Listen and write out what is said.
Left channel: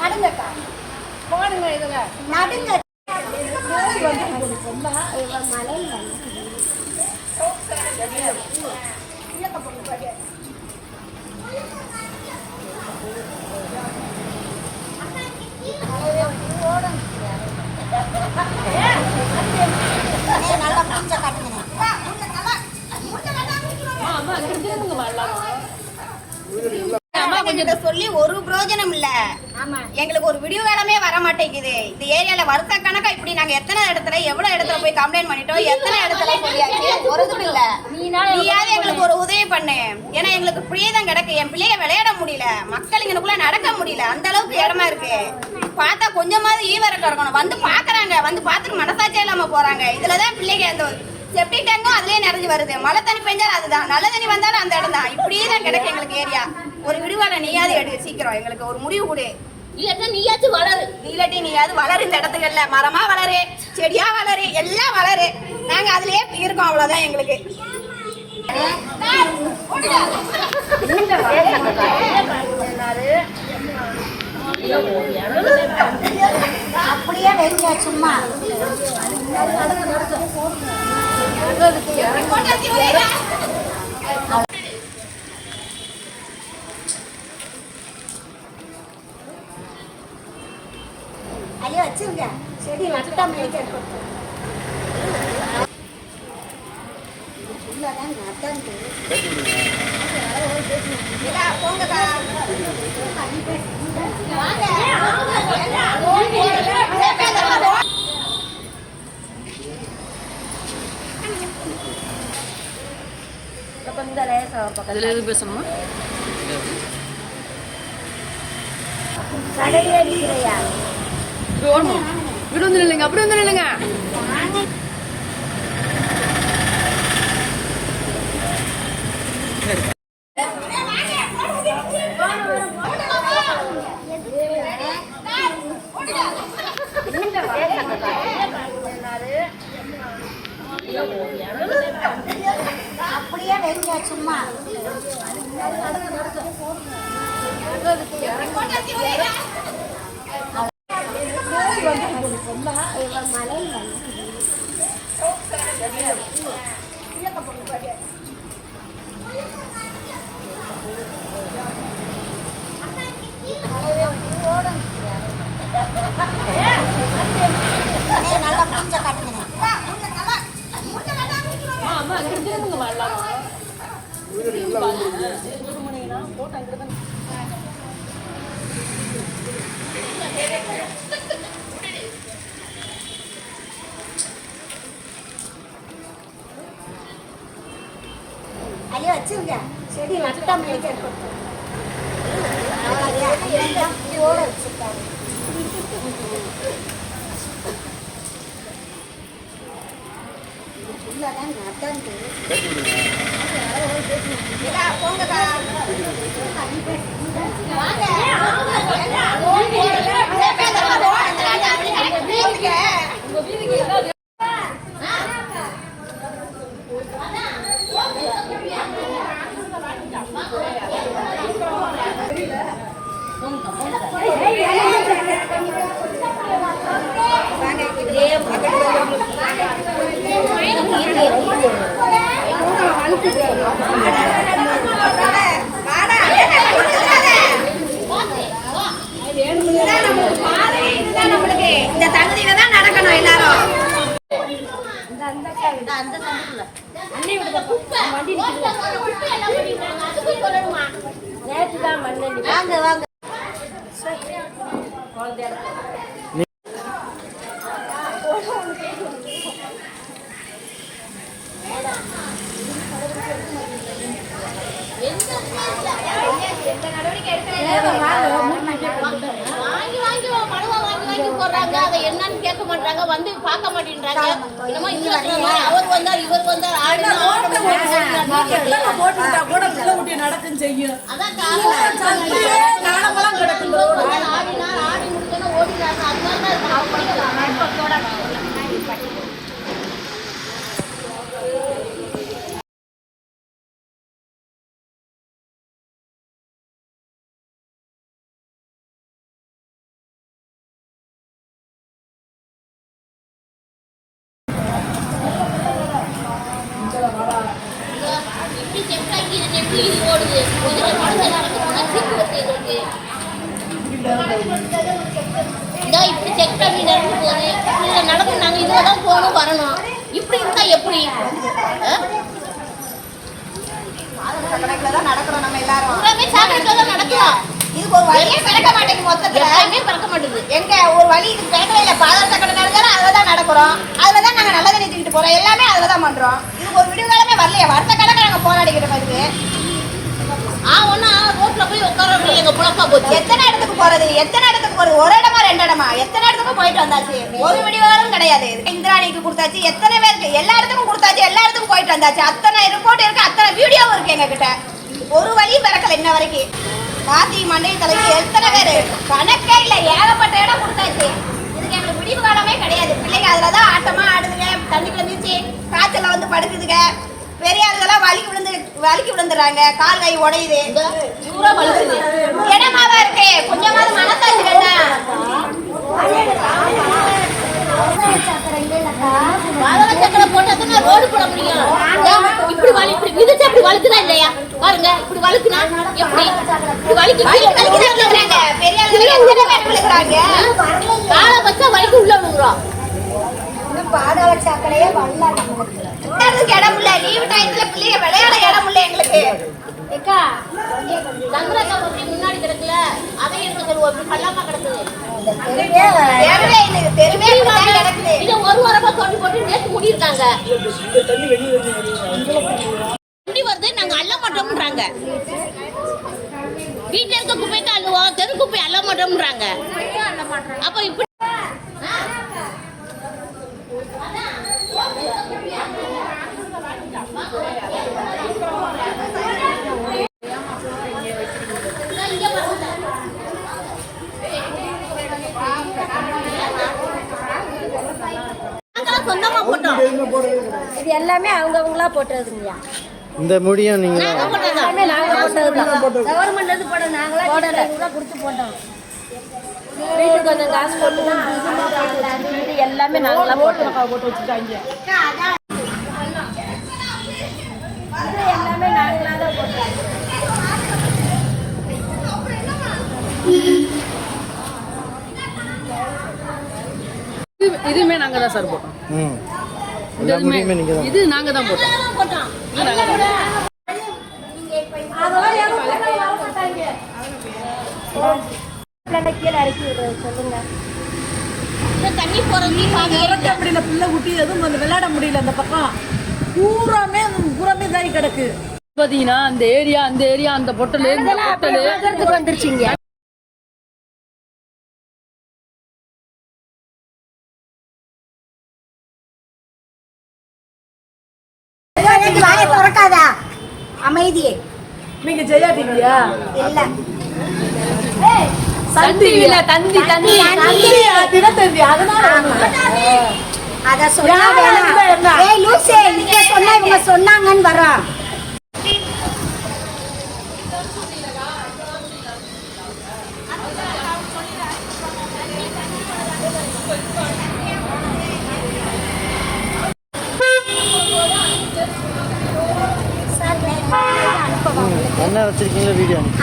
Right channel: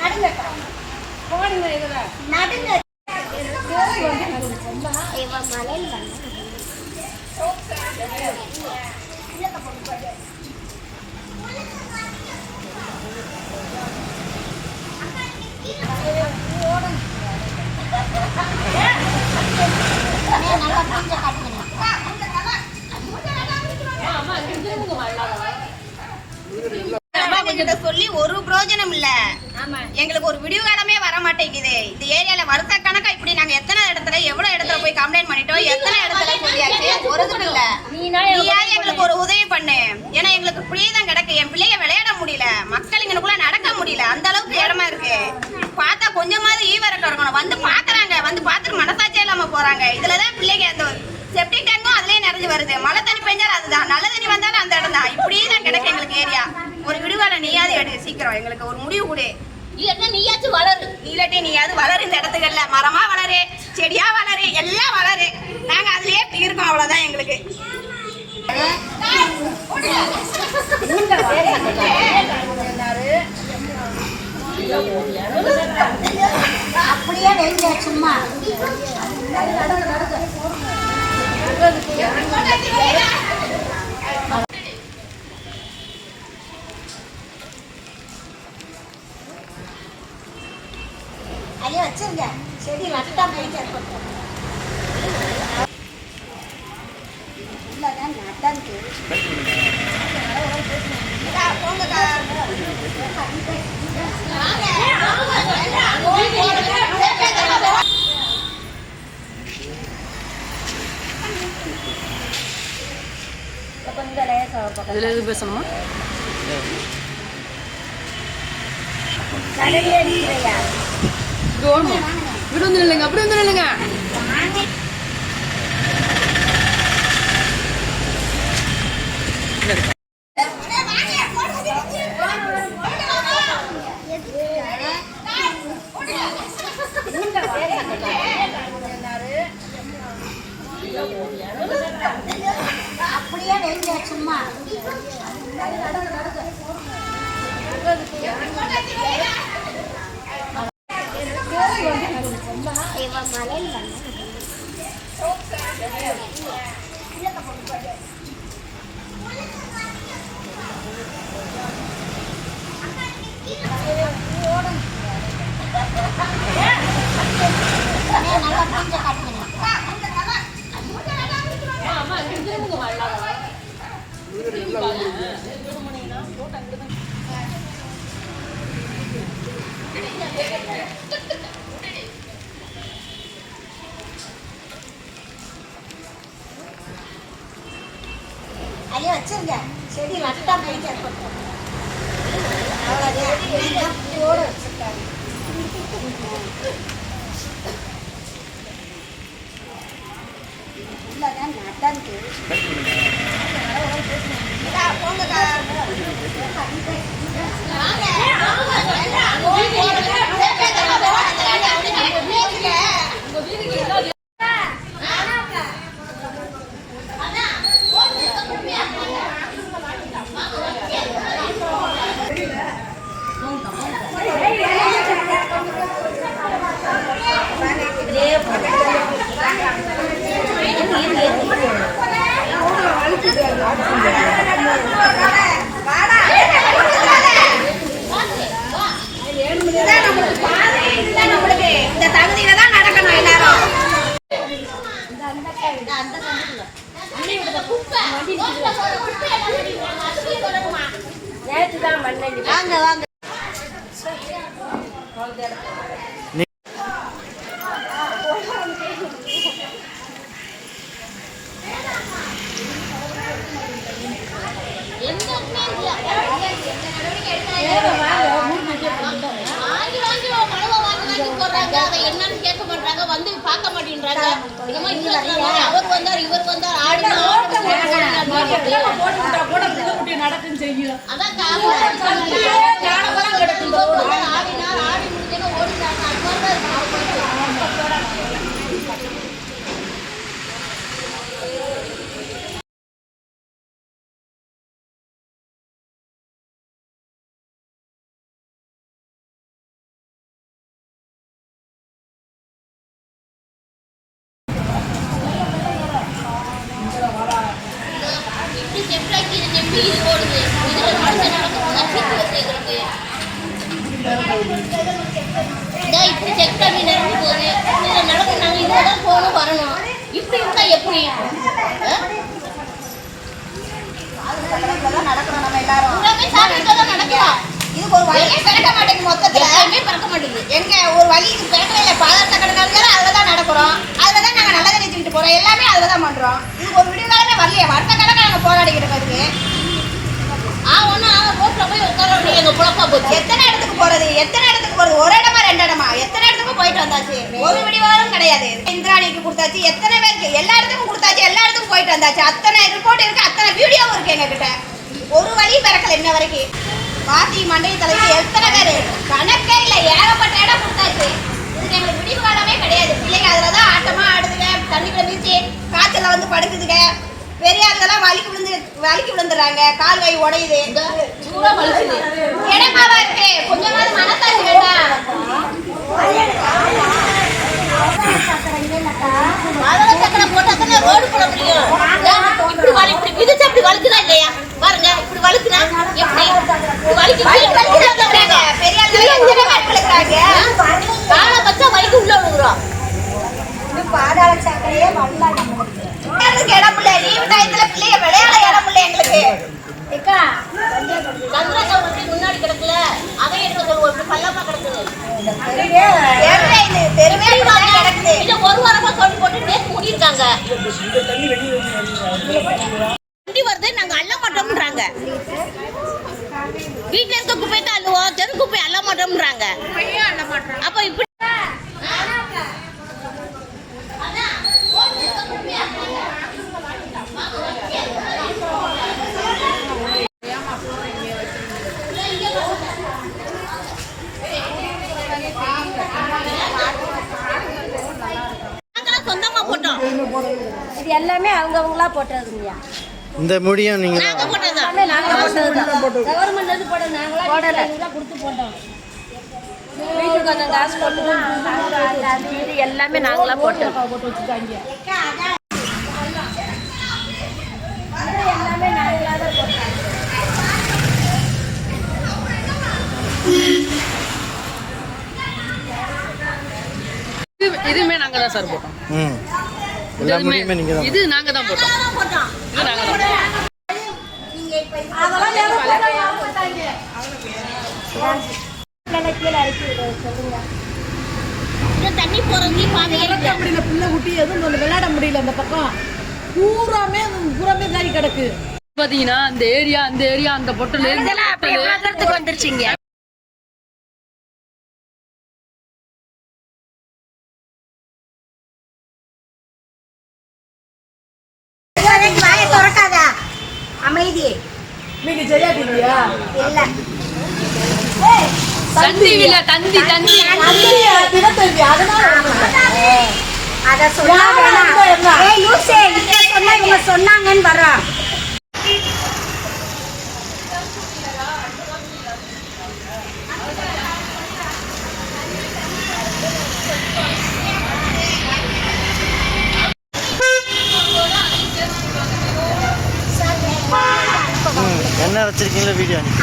நடுங்கக்கா போடுங்க இதுல நடுங்க சொல்லி ஒரு பிரயோஜனம் இல்ல. எங்களுக்கு ஒரு விடிவு காலமே வர மாட்டேங்குது. இந்த ஏரியால வருஷ கணக்கா இப்படி நாங்க எத்தனை இடத்துல எவ்வளவு இடத்துல போய் கம்ப்ளைண்ட் பண்ணிட்டோம், எத்தனை இடத்துல சொல்லியாச்சு, ஒரு இதுவும் இல்ல. நீயாவது எங்களுக்கு ஒரு உதவி பண்ணு. ஏன்னா எங்களுக்கு இப்படியே தான் கிடக்கு. என் பிள்ளைங்க விளையாட முடியல, மக்கள் இங்கனுக்குள்ள நடக்க முடியல, அந்த அளவுக்கு இடமா இருக்கு. பார்த்தா கொஞ்சமாவது ஈவரக்கம் இருக்கணும். வந்து பாக்குறாங்க, வந்து பார்த்துட்டு மனசாட்சியே இல்லாம போறாங்க. இதுலதான் பிள்ளைங்க அந்த செப்டி டேங்கும் அதுலயே நிறைஞ்சு வருது. மழை தண்ணி பெஞ்சாலும் அதுதான், நல்ல தண்ணி வந்தாலும் அந்த இடம் தான். இப்படியே தான் கிடக்கு எங்களுக்கு ஏரியா. ஒரு விடுவால நீயாவது எடு, சீக்கிரம் எங்களுக்கு ஒரு முடிவு கொடு. இல்லன்னா நீயாச்சும் வளரு. இல்லாட்டி நீயாவது வளரு. இந்த இடத்துக்கல்ல மரமா வளரு, செடியா வளரு, எல்லாம் வளரு. நாங்க அதுலயே இருக்கோம், அவ்வளவுதான் எங்களுக்கு. அப்படியே வைங்க சும்மா. ஐயா வச்சிருங்க, செடி நட்டா மேய்க்க பேசணுமா? கடடி அடிக்கிறையா இப்படி வந்து நில்லுங்க, அப்படி வந்து நில்லுங்க. அப்படியே வைங்க சும்மா. ஐயா வச்சிருங்க, செடி நட்டா மேய்க்க போட வச்சிருக்காங்க. என்னன்னு கேட்க மாட்டாங்க, வந்து பார்க்க மாட்டேன்றாங்க. அவர் வந்தார், இவர் வந்தார், நடக்குன்னு செய்யும். அதான் காலமெல்லாம் கிடக்கும். ஆடி முடிஞ்சோன்னா ஓடினாங்க. அது மாதிரி தான் போகணும் வரணும். இப்படி இருந்தா எப்படி? கணக்குல தான் நடக்கிறோம் நம்ம எல்லாரும். பூராமே சாப்பிட்டு தான் நடக்கிறோம். இதுக்கு ஒரு வழியே பிறக்க மாட்டேங்குது. மொத்தத்துல எப்பயுமே பிறக்க மாட்டேங்குது. எங்க ஒரு வழி இது பிறக்கவே இல்லை. பாதாள சக்கரை நடக்கிறோம், அதில் தான் நடக்கிறோம். அதில் தான் நாங்கள் நல்லதை நிறுத்திக்கிட்டு போகிறோம். எல்லாமே அதில் தான் பண்ணுறோம். இதுக்கு ஒரு விடிவு காலமே வரலையே. வருஷ கணக்காக நாங்கள் போராடிக்கிட்டு இருக்கு. ஒண்ணு ரோட்ல போய் உட்கார எங்க புழப்பா போச்சு. எத்தனை இடத்துக்கு போறது? ஒரு இடமா 2 இடமா? எத்தனை இடத்துக்கும் போயிட்டு வந்தாச்சு. ஒரு விடிவாரம் கிடையாது. இந்திராணிக்கு கொடுத்தாச்சு, எத்தனை பேருக்கு எல்லா இடத்துக்கும் கொடுத்தாச்சு, எல்லா இடத்துக்கும் போயிட்டு வந்தாச்சு. அத்தனை ரிப்போர்ட் இருக்கு, அத்தனை வீடியோவும் இருக்கு எங்க கிட்ட. ஒரு வழி பிறக்கல இன்ன வரைக்கும். மாத்தி மண்டை தலைக்கு எத்தனை பேரு கணக்கே இல்ல. ஏகப்பட்ட இடம் கொடுத்தாச்சு. இதுக்கு எங்களுக்கு விடிவு காலமே கிடையாது. பிள்ளைங்க அதுலதான் ஆட்டமா ஆடுதுங்க, தண்ணிக்குள்ள நீச்சு காய்ச்சல்ல வந்து படுக்குதுங்க. பெரிய ஆளுங்கெல்லாம் வலிக்கு விழுந்துறாங்க, கால் கை உடையுது, இடமாவா இருக்கு. கொஞ்சமாவது மனசாட்சி வேண்டாம். சக்கரை போட்டா ரோடு போட முடியும். இப்படி இப்படி விதிச்சு அப்படி வலிக்குதா இல்லையா பாருங்க. இப்படி வலிக்குதா எப்படி? வலிக்குதா பெரிய ஆளுங்க காலை வச்சா வலிக்கு உள்ள விழுகுறோம். பாதாள சாக்கடையே வரல. நம்மளுக்கு இடம் இல்ல. லீவு டயத்துல பிள்ளைங்க விளையாட இடம் இல்ல எங்களுக்கு. முன்னாடி கிடக்குல அதே எடுக்க சொல்லுவோம். பள்ளமா கிடக்குது. கிடக்குது. இதை ஒரு வாரமா தோண்டி போட்டு நேற்று முடியிருக்காங்க. வண்டி வருது, நாங்க அள்ள மாட்டோம்ன்றாங்க. வீட்டுல இருக்க குப்பை தான் அள்ளுவோம், தெரு குப்பை அள்ள மாட்டோம்ன்றாங்க. அப்ப இப்படி சொந்தமா போட்டோம். இது எல்லாமே அவங்கவங்களா போட்டது இல்லையா? இந்த முடியும் நீங்க எல்லாமே நாங்க போட்டது. கவர்மெண்ட் வந்து போட நாங்களா 200 ரூபா கொடுத்து போட்டோம். வீட்டுக்கு கொஞ்சம் காசு போட்டு எல்லாமே நாங்களா போட்டு வச்சுட்டாங்க. எல்லாமே நாங்களா தான் போட்டோம். இதுமே நாங்க தான் சார் போட்டோம். எல்லா முடியுமே நீங்க தான். இது நாங்க தான் போட்டோம். இது நாங்க தான் போட்டோம். தண்ணி போறது இறக்க முடியல. பிள்ளை குட்டி எதுவும் வந்து விளையாட முடியல. அந்த பக்கம் பூராமே தாரி கிடக்கு. பாத்தீங்கன்னா அந்த ஏரியா அந்த பொட்டல் வந்துருச்சுங்க. அமைதியே நீங்க ஜெயா டிவியா? இல்ல தந்திவில தந்தி தினத்தந்தி. அதனால ஒண்ணும் இல்ல. அத சொன்னாங்கன்னு வரா. என்ன வச்சிருக்கீங்களா வீடியோ அனுப்பி